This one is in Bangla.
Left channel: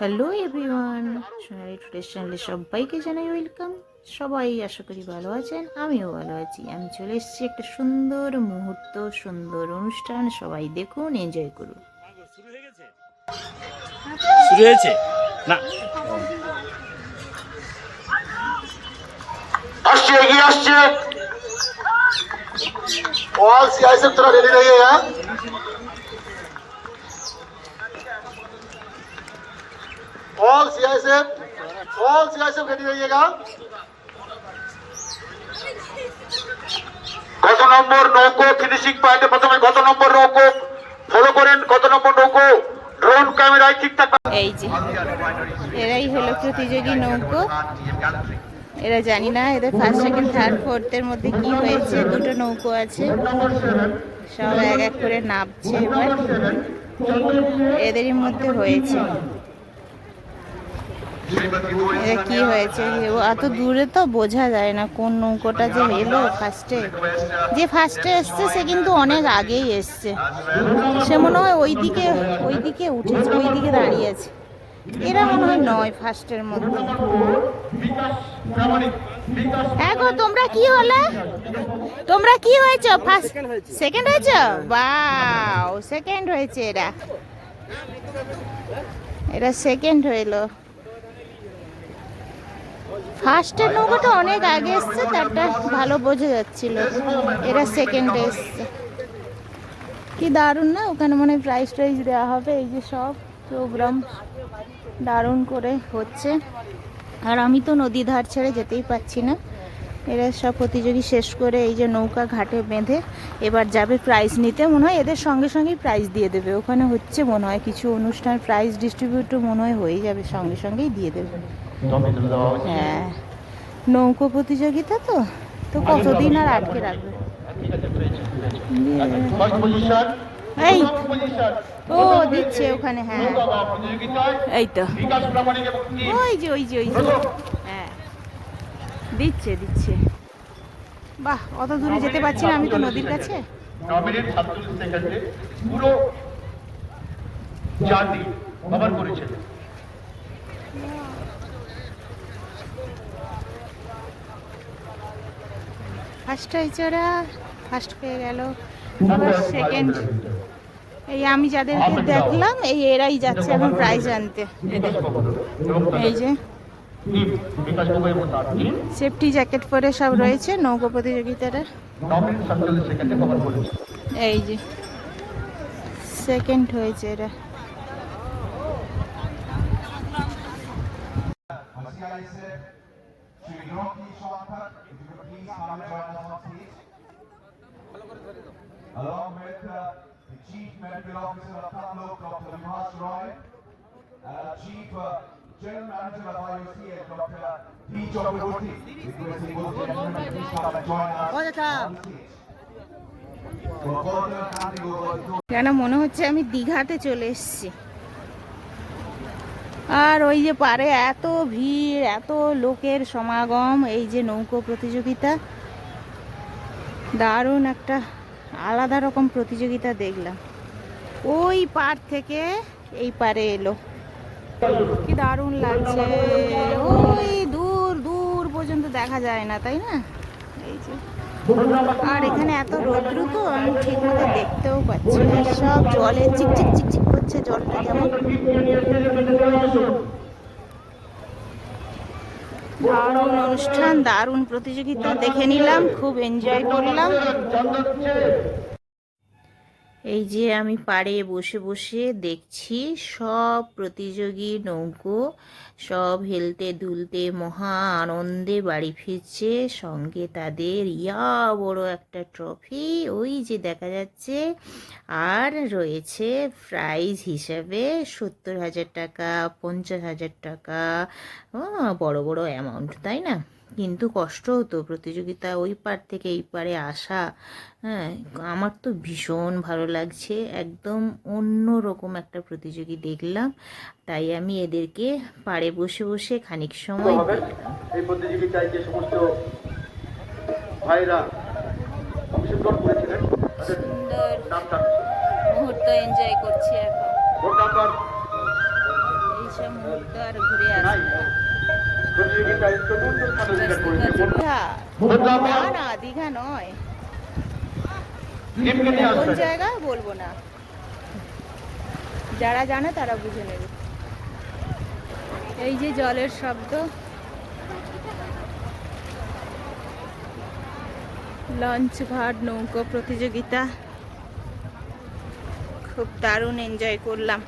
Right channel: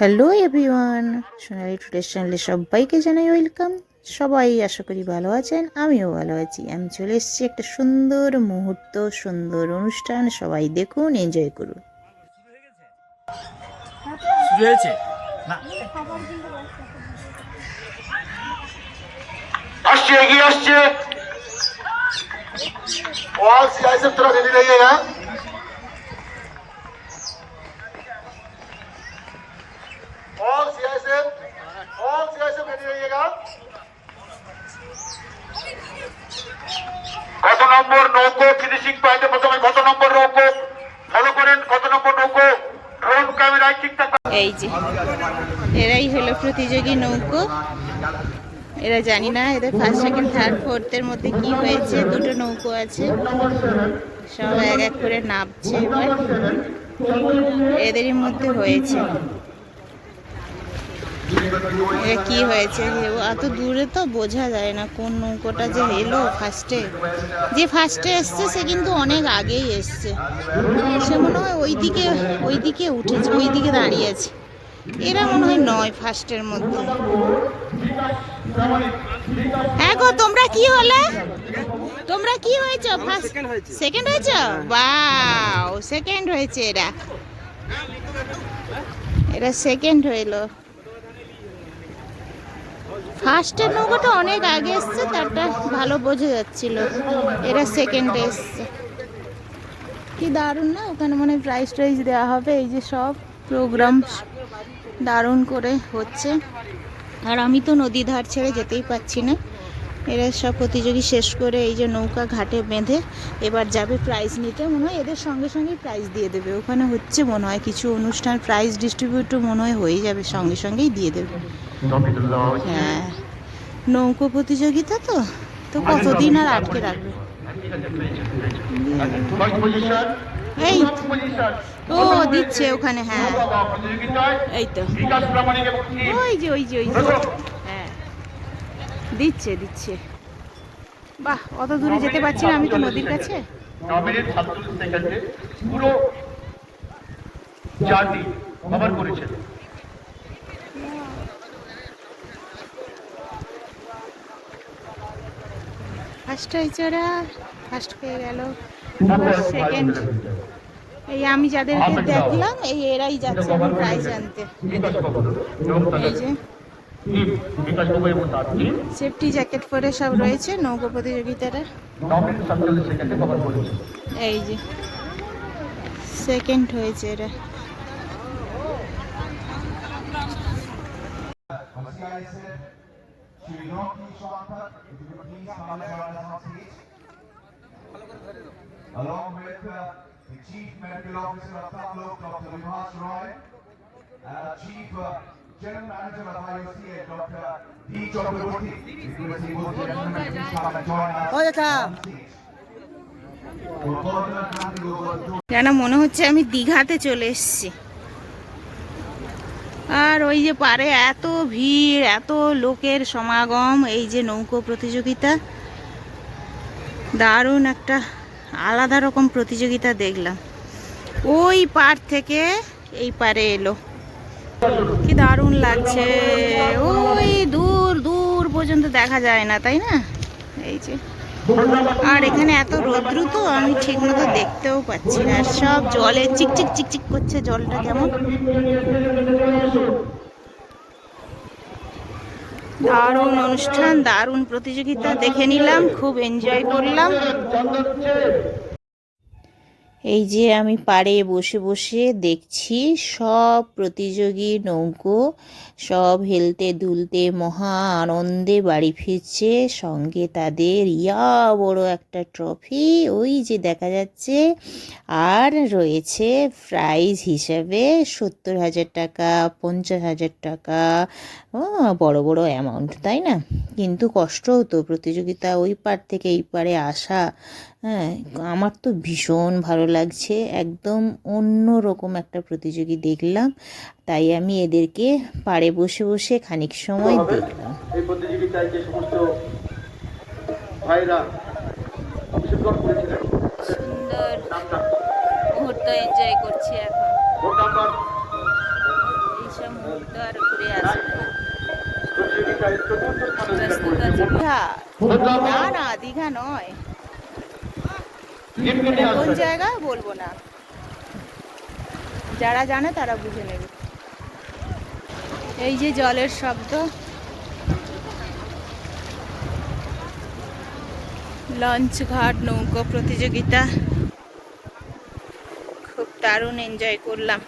হ্যালো এভরিওয়ান, সোনালি টুডেস চ্যানেলে সবাইকে জানাই ওয়েলকাম। সবাই আশা করি ভালো আছেন, আমিও ভালো আছি। আমি চলে এসেছি একটা সুন্দর মুহূর্ত, সুন্দর অনুষ্ঠান। সবাই দেখুন, এনজয় করুন। শুরু হয়েছে না, আসছে, এগিয়ে আসছে। ऑल सियासत तरफ रेडी रहिएगा। ऑल सियासत रेडी रहिएगा। কত নম্বর নৌকো ফিনিশিং পয়েন্টে প্রথমে কত নম্বর নৌকো ফলো করেন, কত নম্বর নৌকো ড্রোন ক্যামেরায় ঠিকঠাক। এই যে এরাই হলো প্রতিযোগী নৌকো। এরা জানি না এদের ফার্স্ট সেকেন্ড থার্ড ফোর্থের মধ্যে কি হয়েছে। দুটো নৌকো আছে, সব এক এক করে নামছে। এবার এদেরই মধ্যে হয়েছে। এটা কি হয়েছে এত দূরে তো বোঝা যায় না কোন নৌকোটা যে এলো ফার্স্টে। যে ফার্স্টে এসছে সে কিন্তু অনেক আগেই এসছে। সে মনে হয় ওইদিকে উঠেছে, ওইদিকে দাঁড়িয়েছে। এরা মনে হয় নয় ফার্স্টের মধ্যে। হ্যাঁ গো, তোমরা কি হলে? তোমরা কি হয়েছে? ফার্স্ট সেকেন্ড হয়েছে? বাও, সেকেন্ড হয়েছে। এরা সেকেন্ড হইলো। ফার্স্টের নৌকাটা অনেক আগে এসছে, তারটা ভালো বোঝা যাচ্ছিল। এরা সেকেন্ডে এসছে। কি দারুণ না? ওখানে মনে হয় প্রাইজ টাইজ দেওয়া হবে। এই যে সব প্রোগ্রাম দারুণ করে হচ্ছে। আর আমি তো নদী ধার ছেড়ে যেতেই পারছি না। এরা সব প্রতিযোগী শেষ করে এই যে নৌকা ঘাটে বেঁধে এবার যাবে প্রাইজ নিতে। মনে হয় এদের সঙ্গে সঙ্গেই প্রাইজ দিয়ে দেবে। ওখানে হচ্ছে মনে হয় কিছু অনুষ্ঠান, প্রাইজ ডিস্ট্রিবিউটও মনে হয় হয়ে যাবে, সঙ্গে সঙ্গেই দিয়ে দেবে। হ্যাঁ, নৌকো প্রতিযোগিতা তো তো কতদিন আর আটকে রাখবে। এই ও দিচ্ছে ওখানে। হ্যাঁ, এই তো ওই যে হ্যাঁ, দিচ্ছে। বাহ, অত দূরে যেতে পারছি না, আমি তো নদীর কাছে। ফার্স্ট হয়েছে ওরা, ফার্স্ট পেয়ে গেল। সেকেন্ড এই আমি যাদেরকে দেখলাম, এই এরাই যাচ্ছে এখন প্রাইজ আনতে। এই যে সেফটি জ্যাকেট পরে সব রয়েছে নৌকো প্রতিযোগিতারা। এই যে সেকেন্ড হয়েছে এরা। Along with the Chief Medical Officer of Tamilok, Dr. Vibhas Roy, and Chief General Manager of IOCA, Dr. D. Chakraborty. Requesting both gentlemen to please come and join us on stage. যেন মনে হচ্ছে আমি দীঘাতে চলে এসেছি। আর ওই যে পারে এত ভিড়, এত লোকের সমাগম। এই যে নৌকো প্রতিযোগিতা, দারুণ একটা আলাদা রকম প্রতিযোগিতা দেখলাম। ওই পার থেকে এই পারে এলো, কি দারুণ লাগছে। ওই দূর দূর পর্যন্ত দেখা যায় না, তাই না? এই যে, আর এখানে এত রৌদ্র তো আমি ঠিক মতো দেখতেও পাচ্ছি না। আর সব জলে চিকচিক করছে, জলটা কেমন দারুণ অনুষ্ঠান, দারুণ প্রতিযোগিতা দেখে নিলাম, খুব এনজয় করলাম। এই যে আমি পাড়ে বসে বসে দেখছি সব প্রতিযোগী নৌকো সব হেলতে দুলতে মহা আনন্দে বাড়ি ফিরছে। সঙ্গে তাদের বড় একটা ট্রফি ওই যে দেখা যাচ্ছে। আর রয়েছে প্রাইজ হিসাবে 70,000 টাকা, 50,000 টাকা। বড় বড় অ্যামাউন্ট, তাই না? কিন্তু কষ্ট হতো প্রতিযোগিতা ওই পার থেকে এই পারে আসা। হ্যাঁ, আমার তো ভীষণ ভালো লাগছে। একদম অন্য রকম একটা প্রতিযোগী দেখলাম, তাই আমি এদেরকে পাড়ে বসে বসে খানিক সময় দেখলাম। এই প্রতিযোগিতায় যে সমস্ত ভাইরা অংশগ্রহণ করেছিলেন, সুন্দর মুহূর্ত এনজয় করছি এখন। ভোট নাম্বার এইসব একটা মুহূর্ত আর ঘুরে আসবে না। ব্যস্ততা দীঘা, না না দীঘা নয়, কোন জায়গা বলবো না, যারা জানে তারা বুঝে নেবে। এই যে জলের শব্দ, লঞ্চ ঘাট নৌকো প্রতিযোগিতা, খুব দারুণ এনজয় করলাম।